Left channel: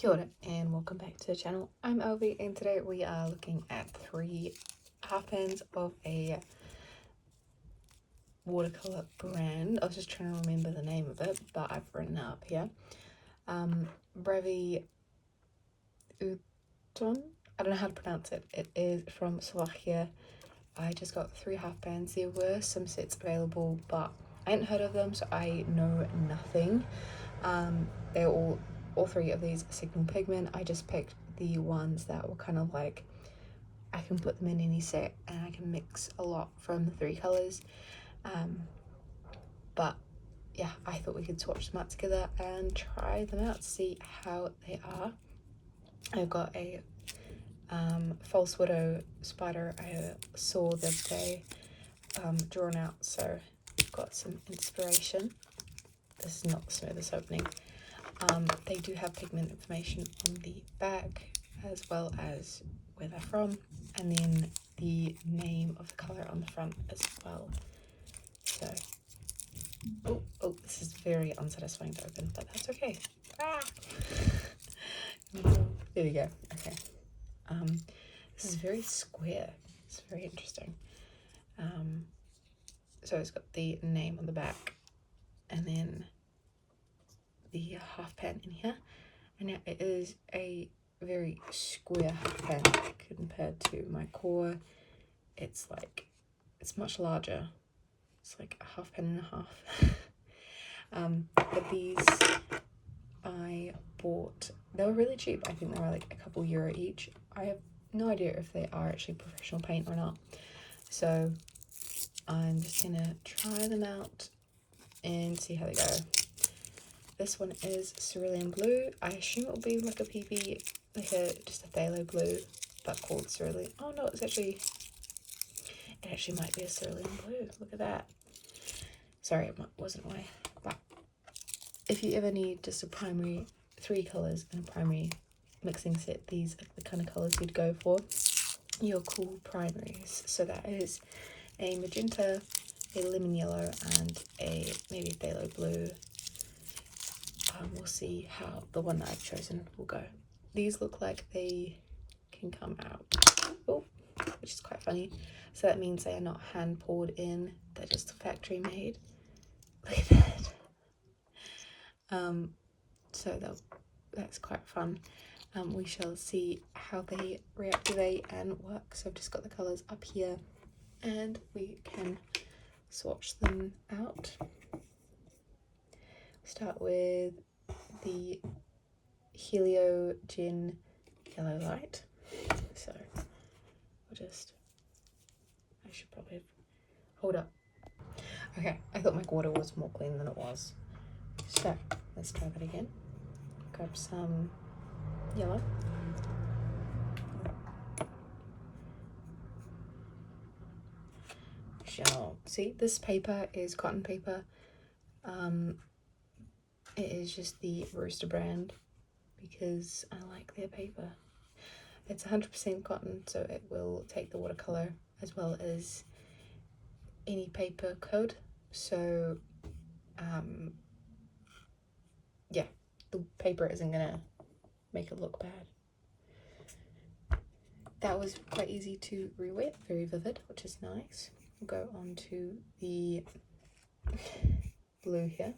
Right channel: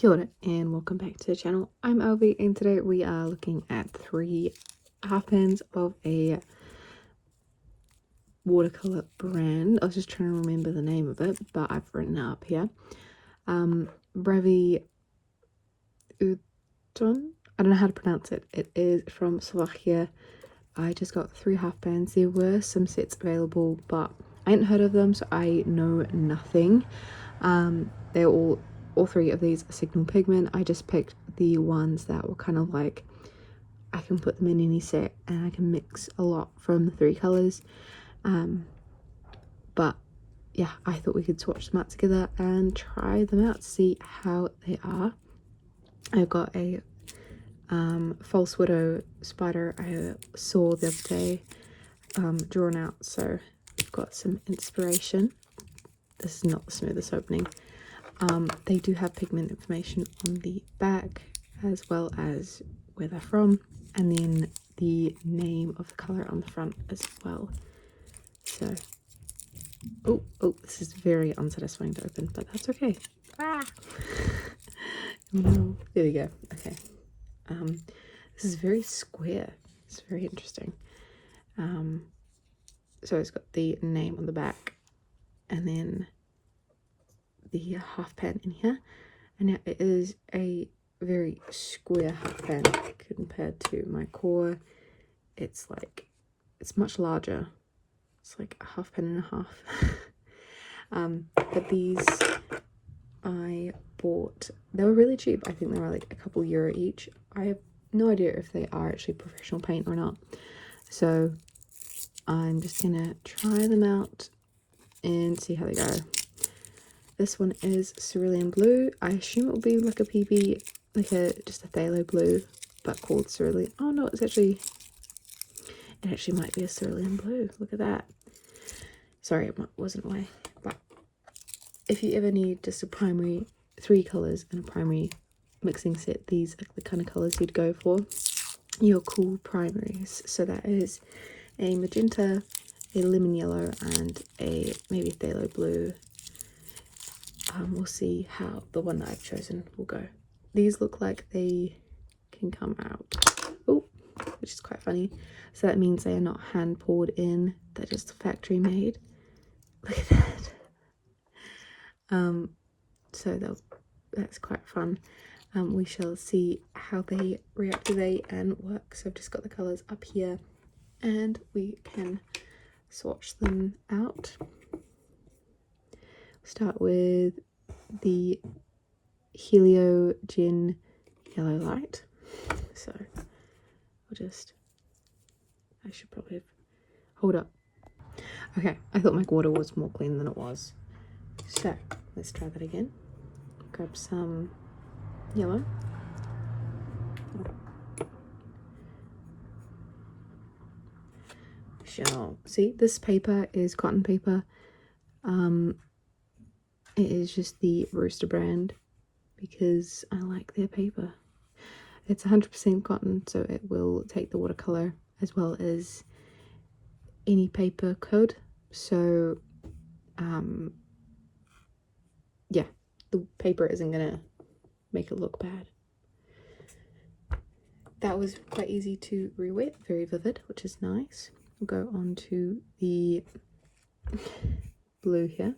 Kia ora and welcome back to the channel. I'm Alvi and today we are looking at 3 half pans of a watercolor brand. I was just trying to remember the name of it, but I've written it up here. Bravi Uton. I don't know how to pronounce it. It is from Slovakia. I just got 3 half pans. There were some sets available, but I hadn't heard of them, so I know nothing. They're all 3 of these are signal pigment. I just picked the ones that were kind of like I can put them in any set and I can mix a lot from the 3 colors. But yeah, I thought we could swatch them out together and try them out to see how they are. I've got a false widow spider I saw the other day drawn out, so I've got some inspiration. This is not the smoothest opening. They do have pigment information on the back as well as where they're from, and then the name of the color on the front as well. So oh, this is very unsatisfying to open, but that's okay. No, there we go. Okay. This is very square. It's very interesting. So it's got the name on the back and then the half pan in here, and now it is a very square half pan compared to my core. It's much larger. It's like a half pan and a half. But these I bought, they were really cheap. I think they were like a couple euro each. I have no idea if they are actually professional paint or not, so I'm just gonna try them out and see how they go. This one is cerulean blue. I assume it will be like a PB, like just a phthalo blue, but called cerulean. Oh no, it actually might be a cerulean blue. Look at that. Sorry, it wasn't away. But if you ever need just a primary, 3 colors and a primary mixing set, these are the kind of colors you'd go for. Your cool primaries. So that is a magenta, a lemon yellow, and a maybe phthalo blue. We'll see how the one that I've chosen will go. These look like they can come out, which is quite funny. So that means they are not hand poured in, they're just factory made. Look at that. So that's quite fun. We shall see how they reactivate and work. So I've just got the colors up here and we can swatch them out. Start with the Helio Gin Yellow Light. So I should probably have, hold up. Okay, I thought my water was more clean than it was. So let's try that again. Grab some yellow. See, this paper is cotton paper. It is just the Rooster brand because I like their paper. It's 100% cotton, so it will take the watercolor as well as any paper could. So yeah, the paper isn't gonna make it look bad. That was quite easy to re-wet, very vivid, which is nice. We'll go on to the blue here.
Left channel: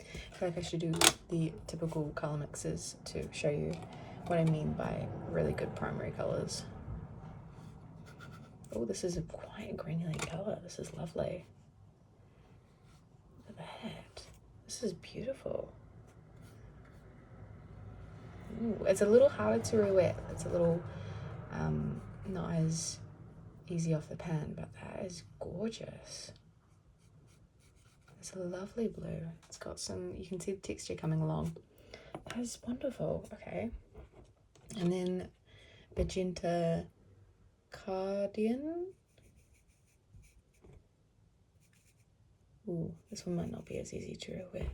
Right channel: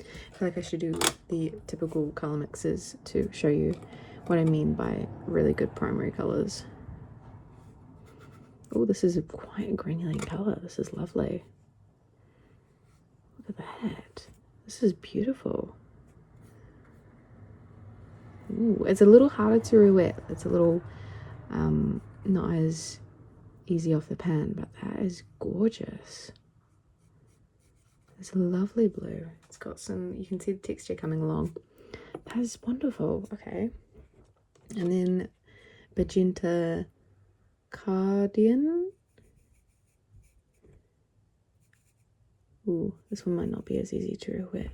I feel like I should do the typical color mixes to show you what I mean by really good primary colors. Oh, this is quite a granulated color. This is lovely. Look at that. This is beautiful. Ooh, it's a little harder to re-wet. It's a little not as easy off the pan, but that is gorgeous. It's a lovely blue. It's got some, you can see the texture coming along. That is wonderful. Okay. And then magenta cardian. Ooh, this one might not be as easy to re-wet.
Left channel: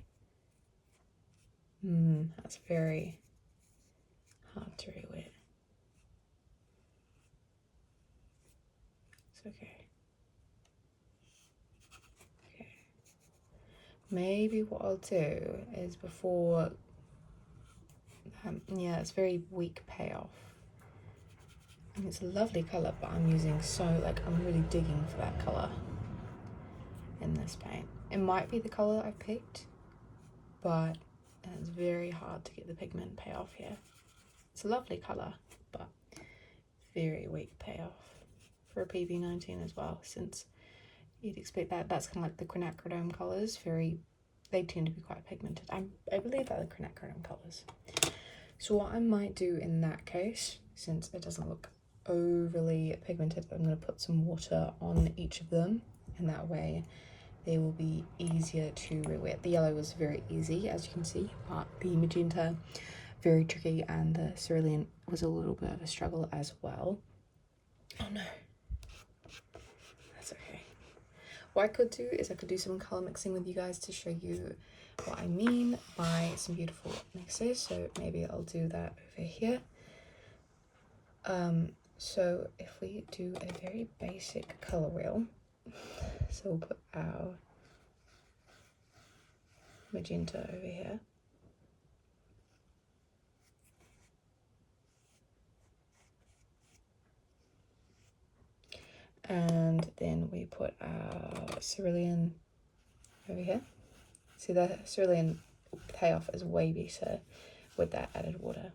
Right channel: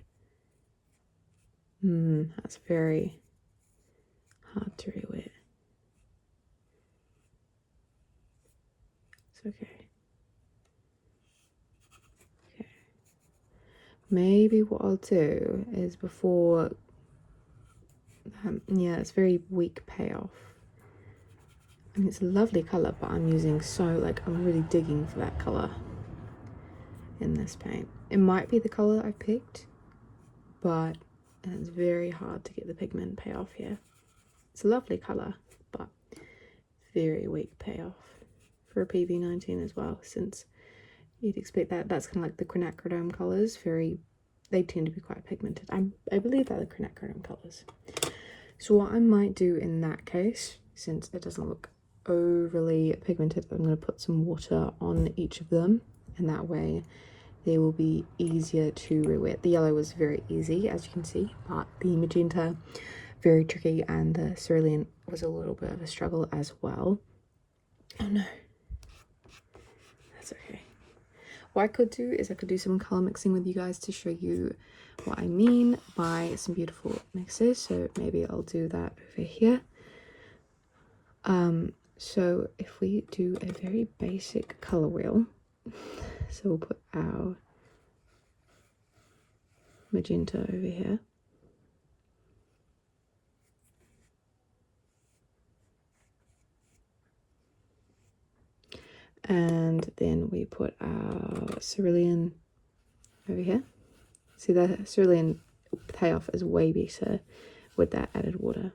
That's very hard to re-wet. It's okay. Maybe what I'll do is before Yeah, it's very weak payoff. And it's a lovely colour, but I'm using I'm really digging for that colour in this paint. It might be the colour I picked, but it's very hard to get the pigment payoff here. It's a lovely colour, but very weak payoff for a PB19 as well, since you'd expect that. That's kind of like the quinacridone colours, they tend to be quite pigmented. I believe they're the quinacridone colours. So what I might do in that case, since it doesn't look overly pigmented, I'm going to put some water on each of them, and that way they will be easier to re-wet. The yellow was very easy, as you can see, but the magenta, very tricky, and the cerulean was a little bit of a struggle as well. Oh no, that's okay. What I could do is I could do some colour mixing with you guys to show you what I mean by some beautiful mixes. So maybe I'll do that over here. So if we do a very basic colour wheel, so we'll put our magenta over here. And then we put our cerulean over here. See, the cerulean payoff is way better with that added water.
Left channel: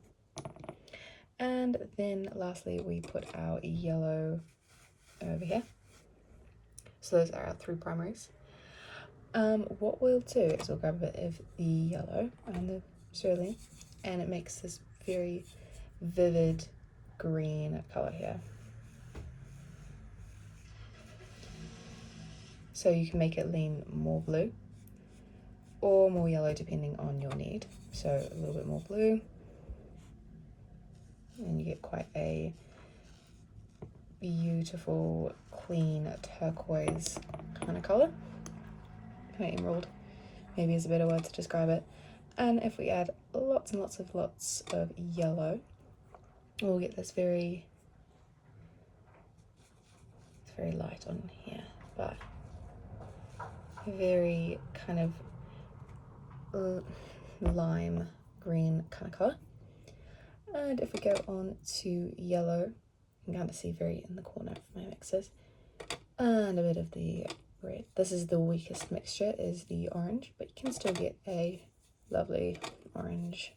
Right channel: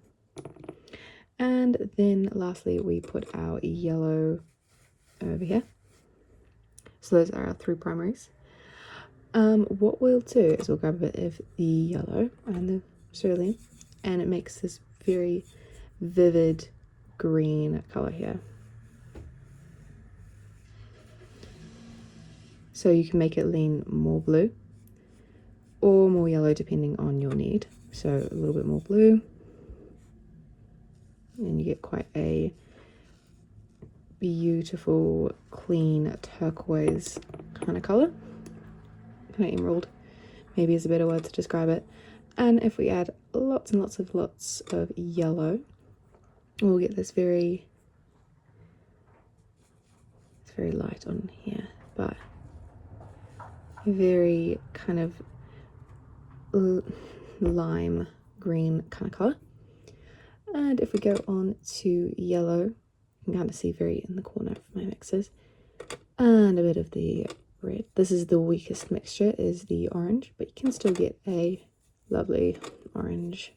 And then lastly, we put our yellow over here. So those are our three primaries. What we'll do is we'll grab a bit of the yellow and the cerulean, and it makes this very vivid green color here. So you can make it lean more blue or more yellow depending on your need. So a little bit more blue, and you get quite a beautiful, clean turquoise kind of color. Kind of emerald, maybe is a better word to describe it. And if we add lots and lots of yellow, we'll get this it's very light on here, but very kind of lime green kind of color. And if we go on to yellow, you can kind of see very in the corner of my mixes, and a bit of the red. This is the weakest mixture, is the orange, but you can still get a lovely orange.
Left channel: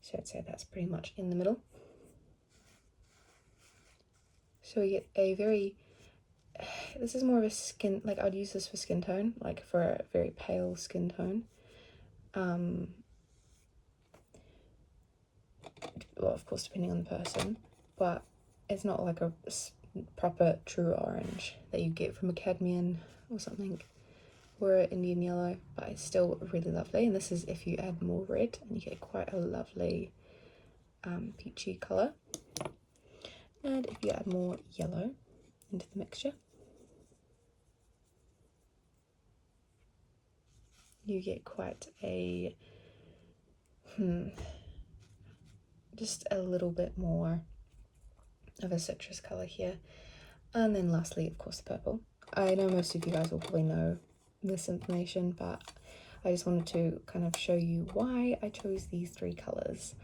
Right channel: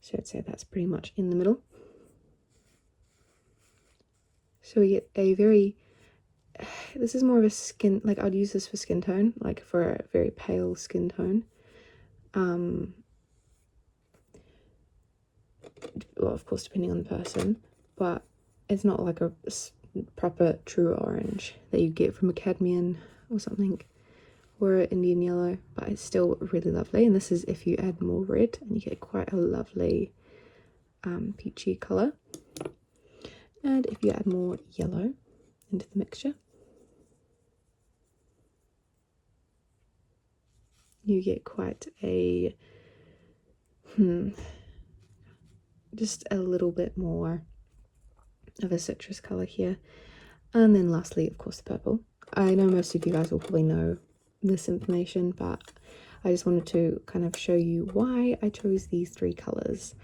So I'd say that's pretty much in the middle. So we get a very, this is more of a skin, like I'd use this for skin tone, like for a very pale skin tone. Well, of course, depending on the person, but it's not like a proper true orange that you get from a cadmium or something, or an Indian yellow, but it's still really lovely. And this is if you add more red, and you get quite a lovely peachy color. And if you add more yellow into the mixture, you get quite a just a little bit more of a citrus color here. And then lastly, of course, the purple. I know most of you guys will probably know this information, but I just wanted to kind of show you why I chose these three colors.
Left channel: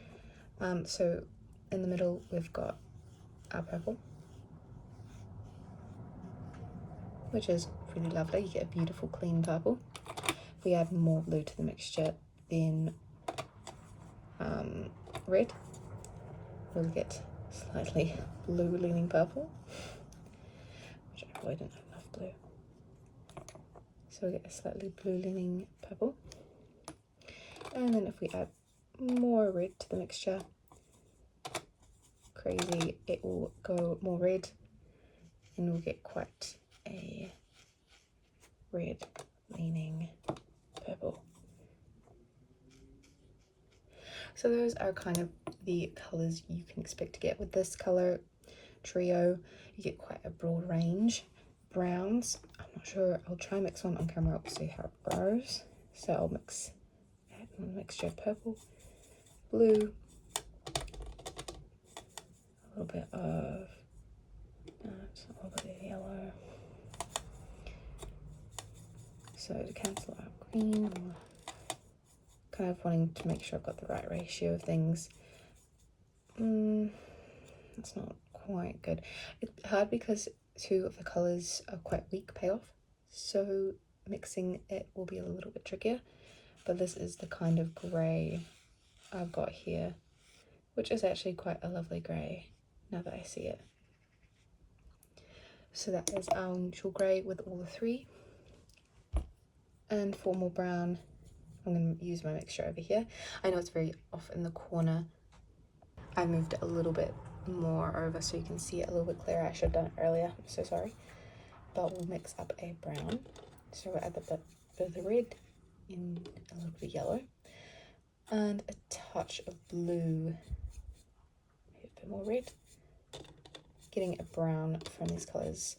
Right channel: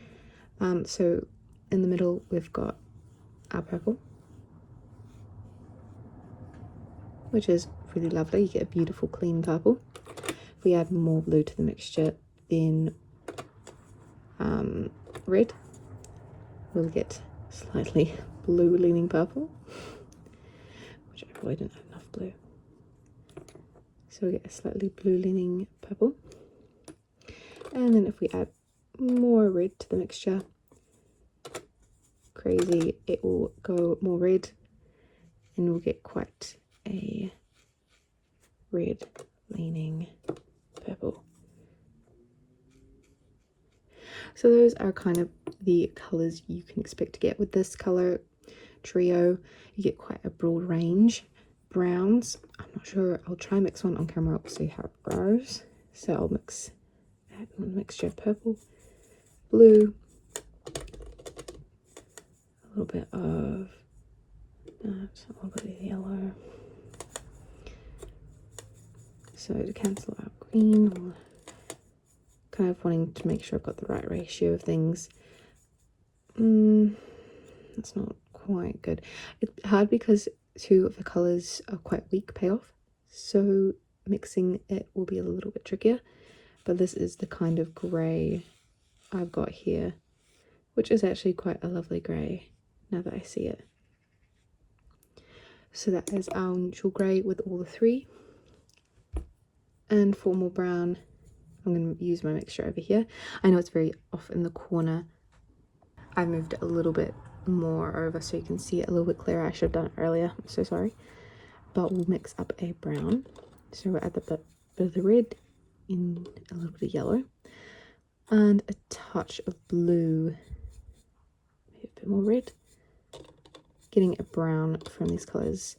So in the middle, we've got our purple, which is really lovely. You get a beautiful clean purple. If we add more blue to the mixture, then red, we'll get slightly blue leaning purple, which I probably don't have enough blue. So we get a slightly blue leaning purple. And then if we add more red to the mixture, crazy, it will go more red, and we'll get quite a red leaning purple. So those are kind of the colors you can expect to get with this color trio. You get quite a broad range. Browns, I'm not sure, I'll try and mix one on camera, we'll see how it goes. So I'll add a mixture of purple, blue, a little bit of yellow. So to cancel out green, kind of wanting to make sure I've got the right ratio of things. It's not quite good. It's hard because two of the colours are quite weak payoff, so mixing it will be a little bit trickier. But this is the kind of grey I've got here, which is actually quite a lovely grey now that I see it. So that is our neutral grey with all the three. And for more brown, I'm going to use my mixture over here. I know it's very off in the corner. I moved it a little bit more over so you can see it a little bit clearer. I should have done it earlier, I'm so sorry. But we'll mix up a brown. So we'll add a bit of the red in a little bit of yellow and a touch of blue, a bit more red. Getting a brown from these colours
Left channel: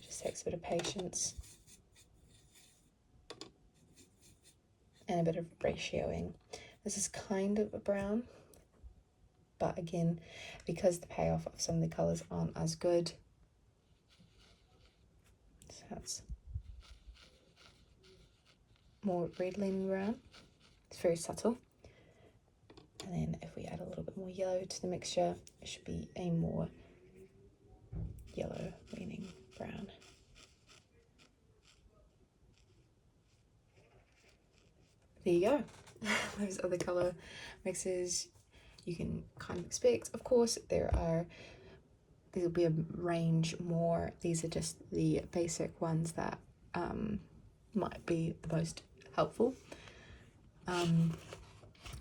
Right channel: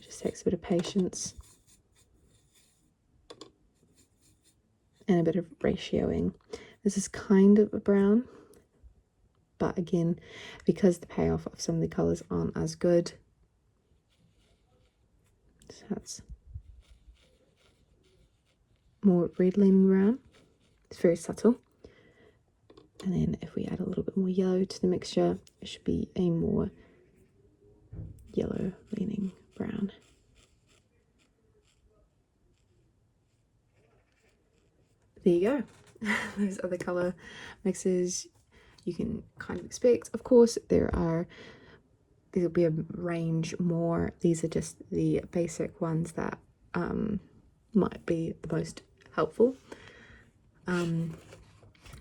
just takes a bit of patience and a bit of ratioing. This is kind of a brown, but again, because the payoff of some of the colours aren't as good, so that's more red leaning brown. It's very subtle. And then if we add a little bit more yellow to the mixture, it should be a more yellow leaning brown. There you go. Those other colour mixes you can kind of expect. Of course, there'll be a range more. These are just the basic ones that might be the most helpful. And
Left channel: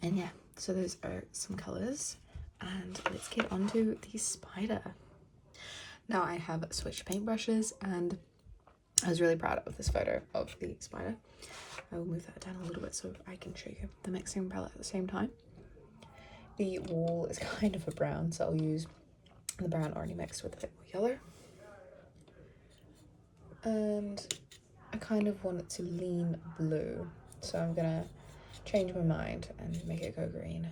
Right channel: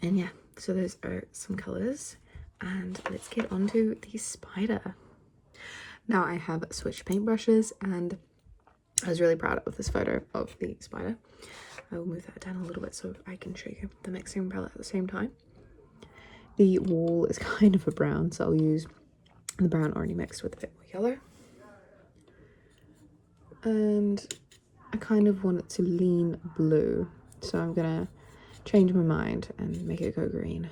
yeah, so those are some colours, and let's get on to the spider. Now I have switched paintbrushes, and I was really proud of this photo of the spider. I will move that down a little bit so I can show you the mixing palette at the same time. The wall is kind of a brown, so I'll use the brown already mixed with a bit more yellow. And I kind of want it to lean blue, so I'm gonna change my mind and make it go green.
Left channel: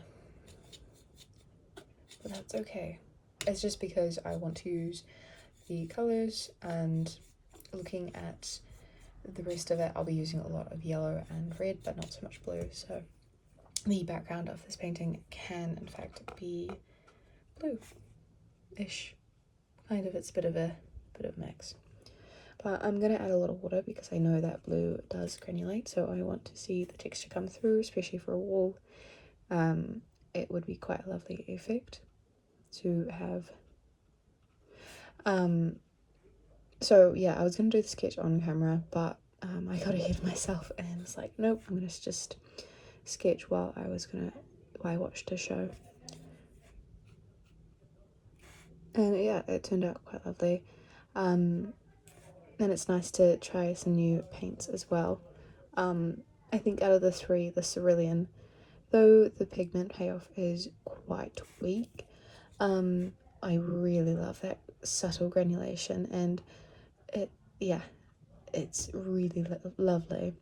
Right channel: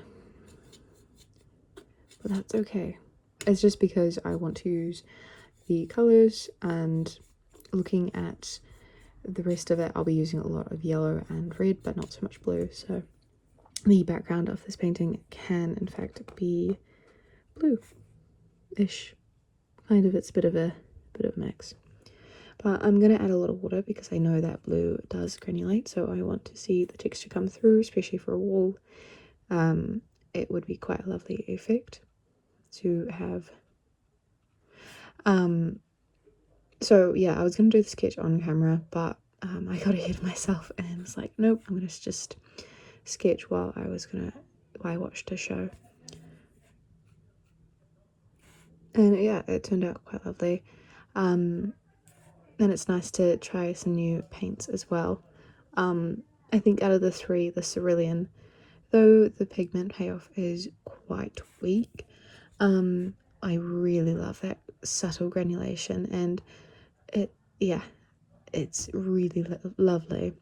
But that's okay. It's just because I want to use the colours, and looking at the rest of it, I'll be using a lot of yellow and red, but not so much blue. So the background of this painting can in fact be blue-ish. Kind of, it's a bit of a mix. But I'm gonna add a little water because I know that blue does granulate, so I want to see the texture come through, especially for a wall. It would be quite a lovely effect to have. So yeah, I was gonna do the sketch on camera, but I got ahead of myself and was like, nope, I'm gonna just sketch while I watched a show. And yeah, it turned out quite lovely. And it's nice to try some new paints as well. I think out of the three, the cerulean, though the pigment payoff is quite weak, I really love that subtle granulation, and it's really lovely.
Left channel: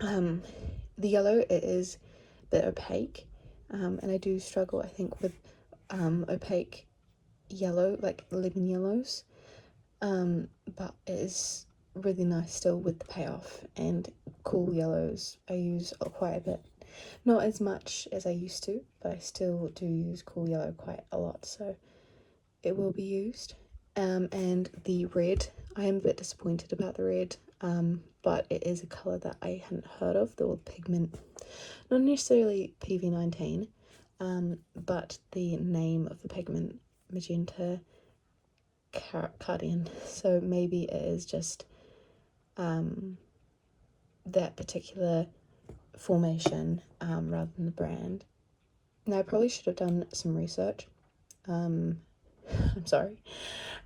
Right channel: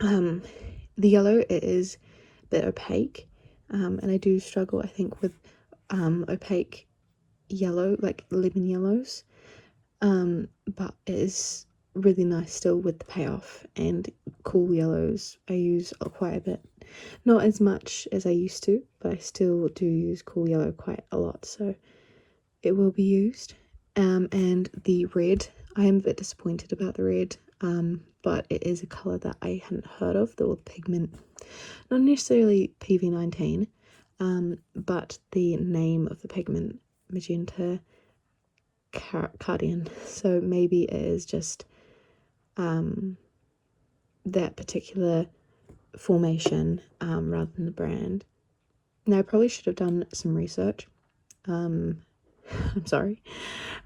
The yellow, it is a bit opaque, and I do struggle, I think, with opaque yellow, like lemon yellows, but it is really nice still with the payoff. And cool yellows I use quite a bit, not as much as I used to, but I still do use cool yellow quite a lot, so it will be used. And the red, I am a bit disappointed about the red, but it is a colour that I hadn't heard of, the pigment, not necessarily PV19, but the name of the pigment, magenta cardian, so maybe it is just that particular formation rather than the brand. Now I probably should have done some research, I'm sorry,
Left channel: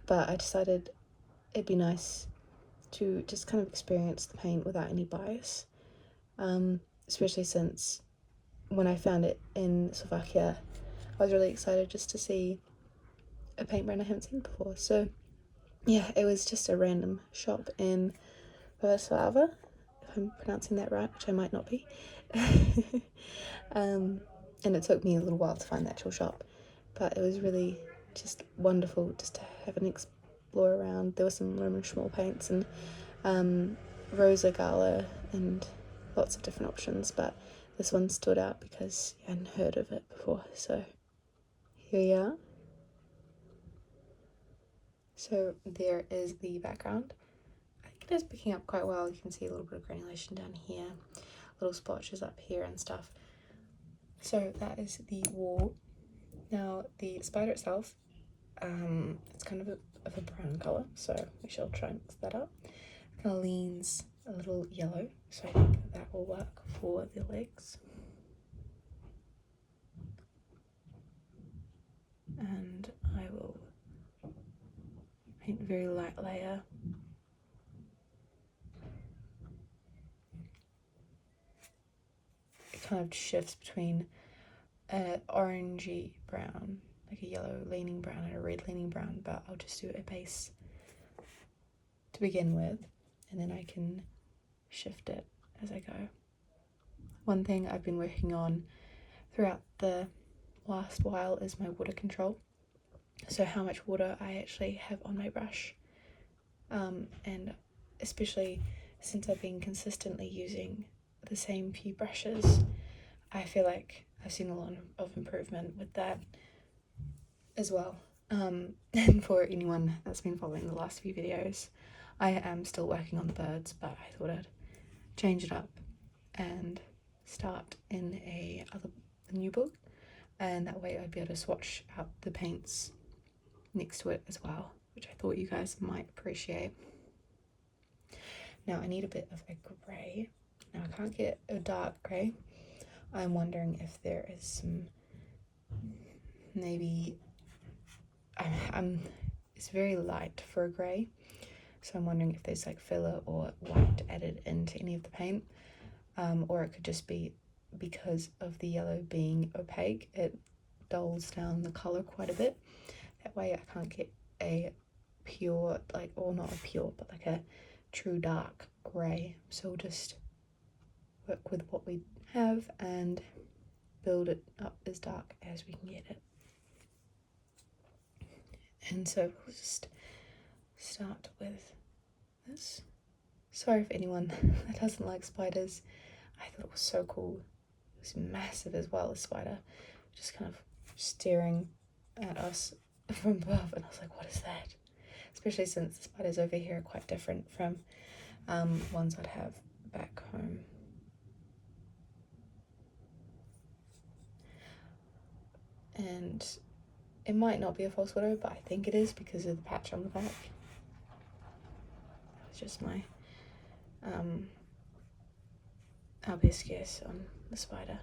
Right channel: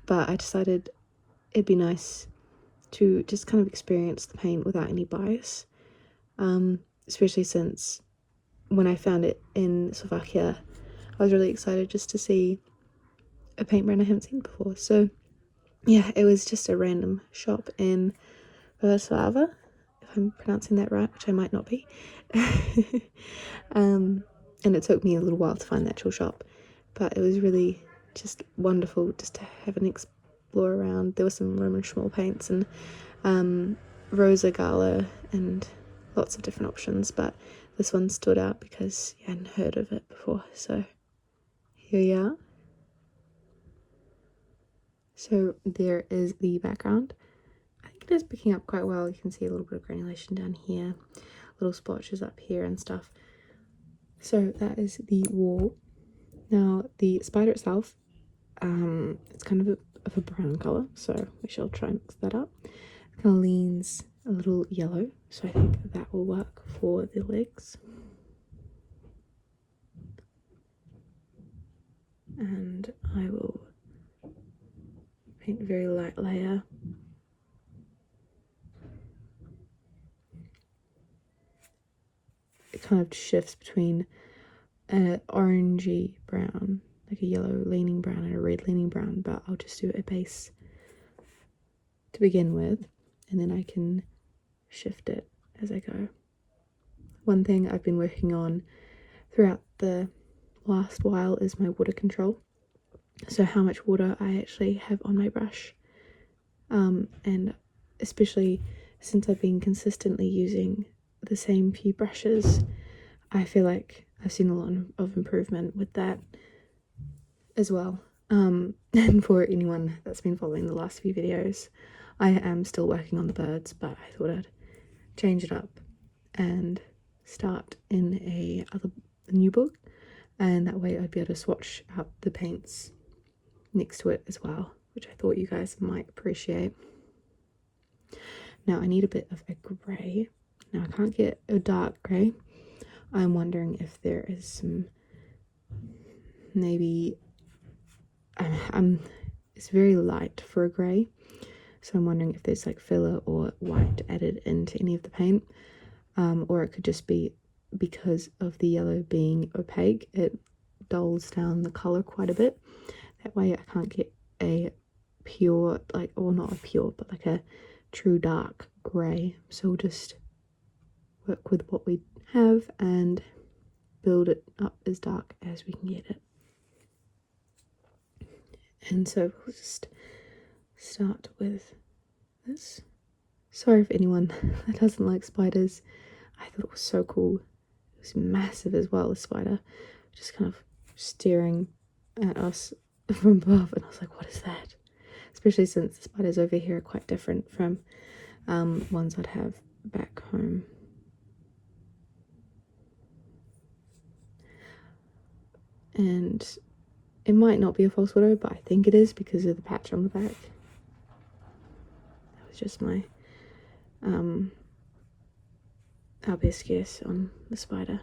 but I decided it'd be nice to just kind of experience the paint without any bias, especially since when I found it in Slovakia, I was really excited just to see a paint brand I hadn't seen before. So yeah, it was just a random shop in Watercolours, if I'm pronouncing that right, which I might not be. And it took me a little while to find the actual shop, but it was really just wonderful just to have an explore around. There were some Roman Schmoll paints and Rosa Gala and lots of different options, but this one stood out because you hadn't heard of it before. So here we are. So there is the background. I think it is picking up quite well. You can see a little bit of granulation down here, little splotches up here and stuff. So that is the wall. Now the spider itself, it's kind of a brown colour, so we shall try and mix that up. It kind of leans a little yellow, so I think that will work for the legs. And I will paint a very light layer. It kind of shifts between an orangey brown, like a yellow leaning brown and a red leaning brown, but I'll just do a base to begin with, and then I can shift it as I go. One thing I've been working on throughout the last while is my water control. So how much water I actually have on my brush, and especially since I've been consistently using the same few brushes, I feel like I've seen a lot of improvement with that as well. And for anyone that's been following the last few videos, I am still working on the birds, but I thought I'd change it up and start in a new book, and that way I'd be able to swatch out the paints next to it as well, which I thought you guys might appreciate. Now I need a bit of a grey. Now I can't get a dark grey. I'm wondering if there is some, maybe, it's very light for a grey, so I'm wondering if there's like filler or white added into any of the paint, or it could just be because of the yellow being opaque, it dulls down the colour quite a bit. That way I can't get a pure, like, or not a pure, but like a true dark grey. So we'll just work with what we have and build it up as dark as we can get it. And so we'll just start with this. Sorry if anyone that doesn't like spiders. I thought it was so cool. It was massive as well, the spider, just kind of staring at us from above, and I was like, what is that? Especially since the spiders over here are quite different from ones I'd have back home. And it might not be a false photo, but I think it is because of the patch on the back. That was just my our best guess on the spider.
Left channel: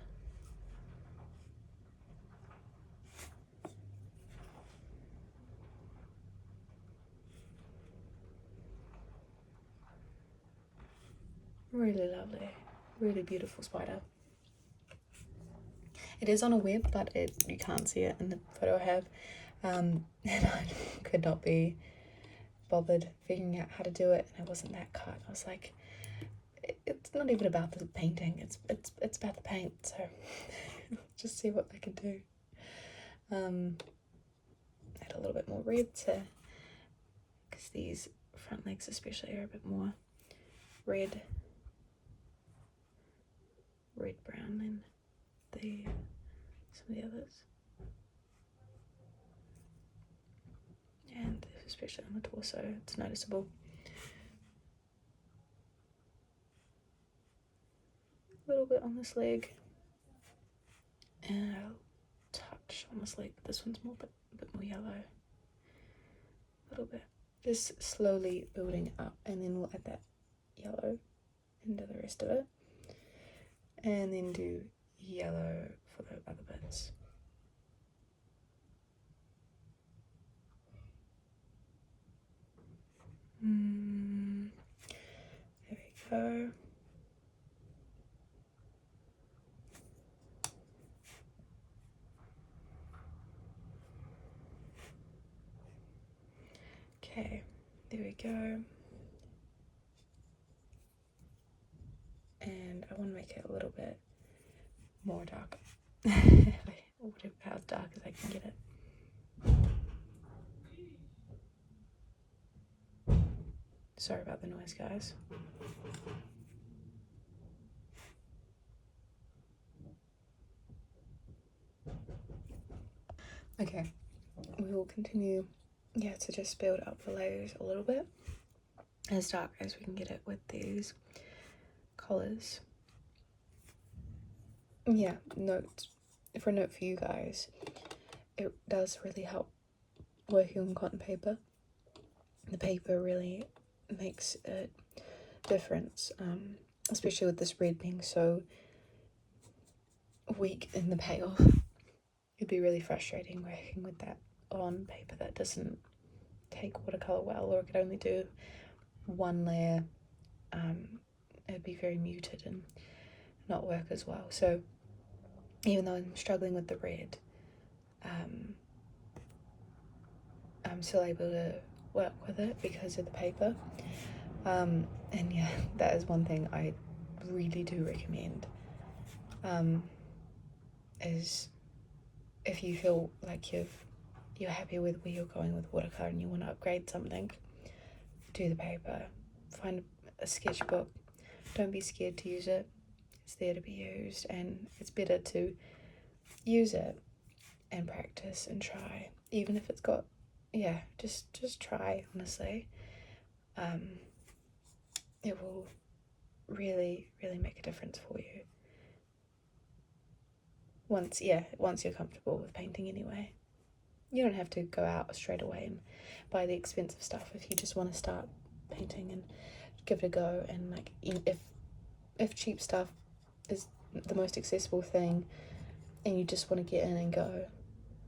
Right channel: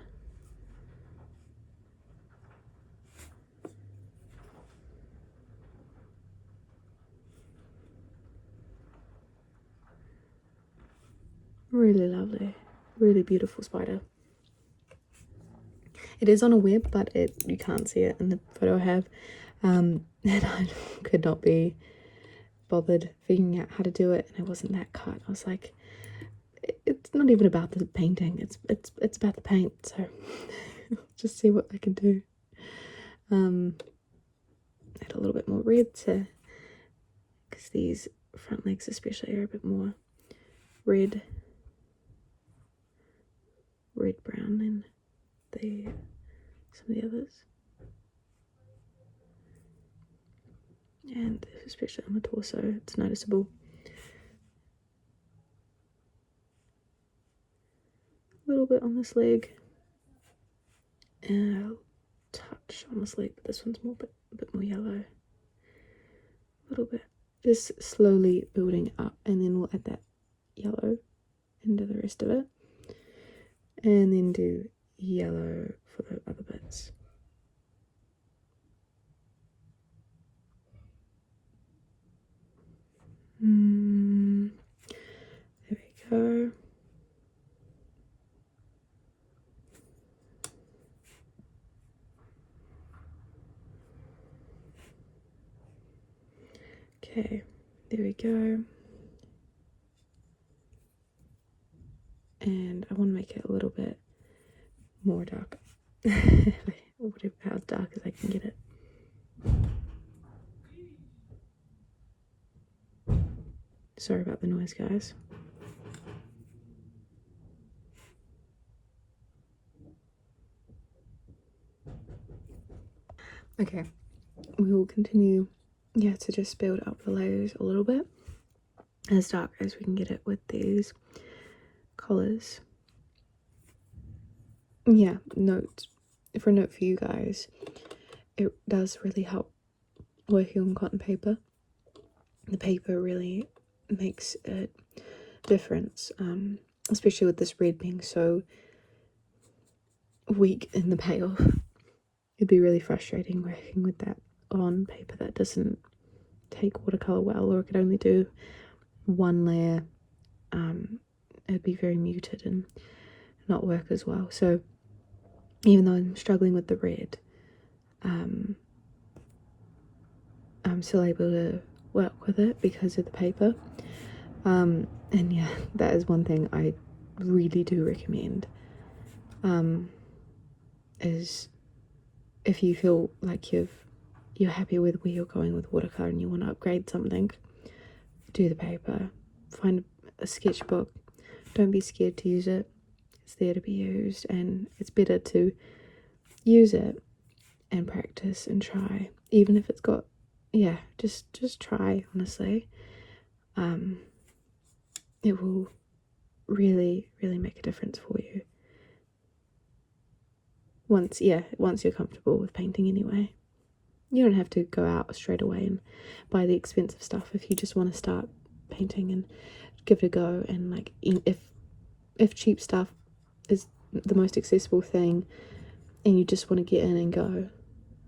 Really lovely, really beautiful spider. It is on a web, but you can't see it in the photo I have, and I could not be bothered figuring out how to do it, and it wasn't that cut. I was like, it's not even about the painting, it's about the paint, so just see what I can do. Add a little bit more red to, because these front legs especially are a bit more red brown than some of the others, and especially on the torso it's noticeable. A little bit on this leg, and I'll touch on this leg, but this one's a bit more yellow. A little bit, just slowly building up, and then we'll add that yellow into the rest of it, and then do yellow for the other bits. There we go. Okay, there we go. And I want to make it a little bit more dark. Whatever, how dark as I can get it. Sorry about the noise, guys. Okay, we will continue, yeah, to just build up the layers a little bit, as dark as we can get it with these colours. Yeah, note for you guys, it does really help working on cotton paper. The paper really makes a difference, especially with this red being so weak in the payoff. It'd be really frustrating working with that on paper that doesn't take watercolor well, or it could only do one layer. It'd be very muted and not work as well. So even though I'm struggling with the red, I'm still able to work with it because of the paper. And yeah, that is one thing I really do recommend, is if you feel like you're happy with where you're going with watercolor and you want to upgrade something, do the paper. Find a sketchbook. Don't be scared to use it. It's there to be used, and it's better to use it and practice and try, even if it's got, yeah, just try, honestly. It will really make a difference for you once you're comfortable with painting. Anyway, you don't have to go out straight away and buy the expensive stuff if you just want to start painting and give it a go. And like, if cheap stuff is the most accessible thing and you just want to get in and go,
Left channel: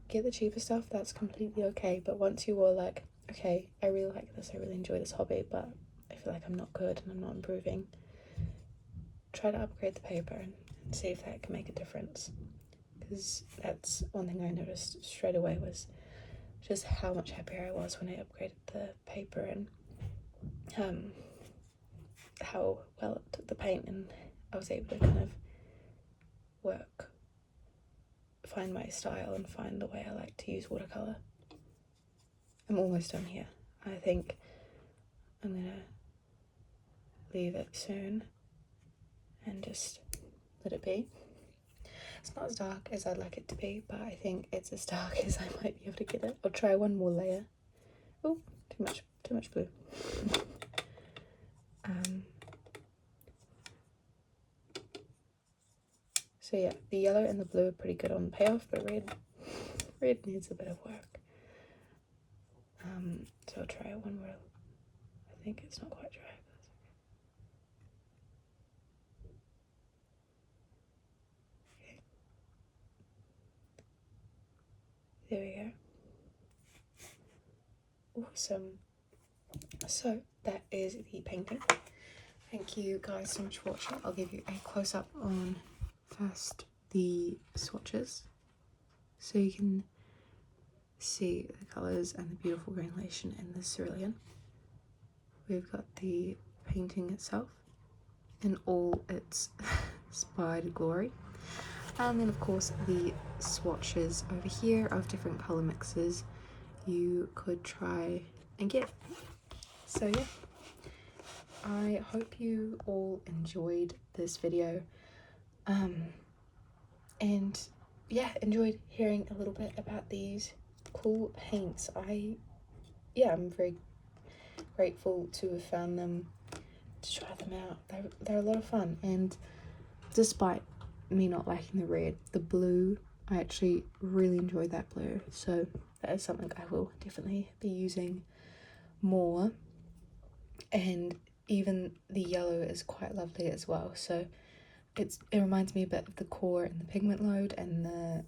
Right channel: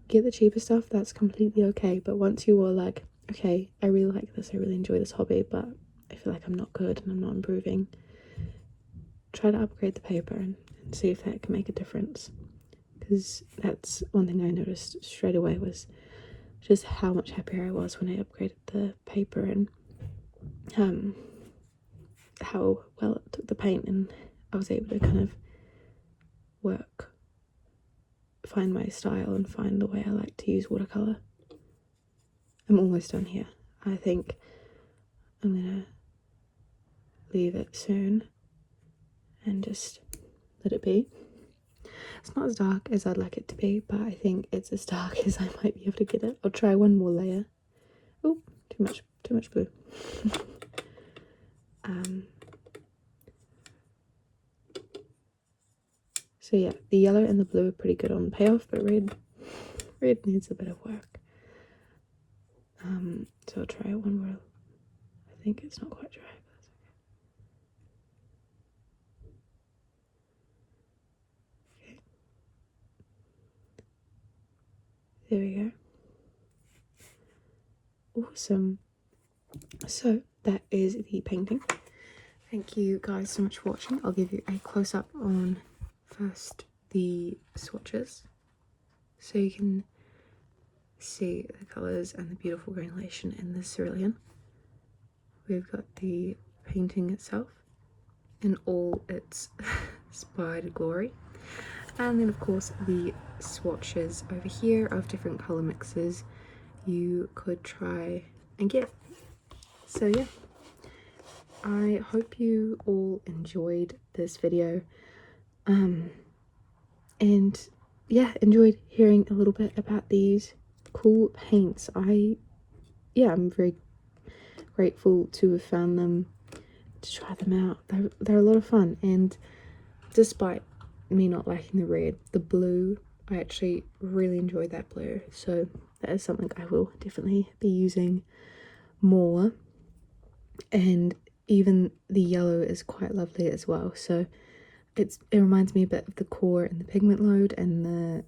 get the cheaper stuff, that's completely okay. But once you are like, okay, I really like this, I really enjoy this hobby, but I feel like I'm not good and I'm not improving, try to upgrade the paper and see if that can make a difference. Because that's one thing I noticed straight away, was just how much happier I was when I upgraded the paper, and how well it took the paint, and I was able to kind of find my style and find the way I like to use watercolor. I'm almost done here. I think I'm gonna leave it soon and just let it be. It's not as dark as I'd like it to be, but I think it's as dark as I might be able to get it. I'll try one more layer. Oh, too much blue. So yeah, the yellow and the blue are pretty good on the payoff, but red needs a bit of work. So I'll try one more. I think it's not quite dry, but okay. There we go. Awesome. So that is the painting. Thank you guys so much for watching. I'll give you a close-up on first the swatches, so you can see the colours and the beautiful granulation in the cerulean. We've got the painting itself in all its spied glory, and then of course the swatches over here of different colour mixes you could try and get. So yeah, I hope you all enjoyed this video, and yeah, enjoyed hearing a little bit about these cool paints. I'm very grateful to have found them, to try them out. They're a lot of fun, and despite me not liking the red, the blue, I actually really enjoy that blue, so that is something I will definitely be using more. And even the yellow is quite lovely as well, so it reminds me a bit of the core and the pigment load and the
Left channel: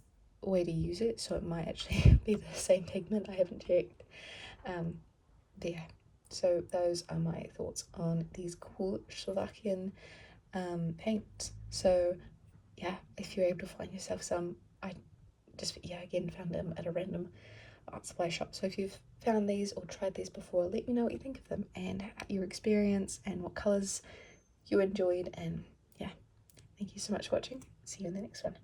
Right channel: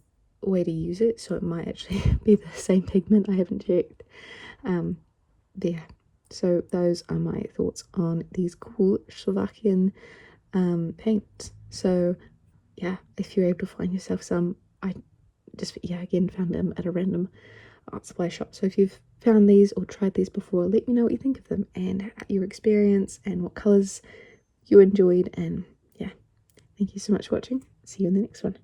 way to use it, so it might actually be the same pigment, I haven't checked. But yeah, so those are my thoughts on these cool Slovakian paints. So yeah, if you're able to find yourself some, I just again found them at a random art supply shop. So if you've found these or tried these before, let me know what you think of them and your experience and what colours you enjoyed. And yeah, thank you so much for watching. See you in the next one.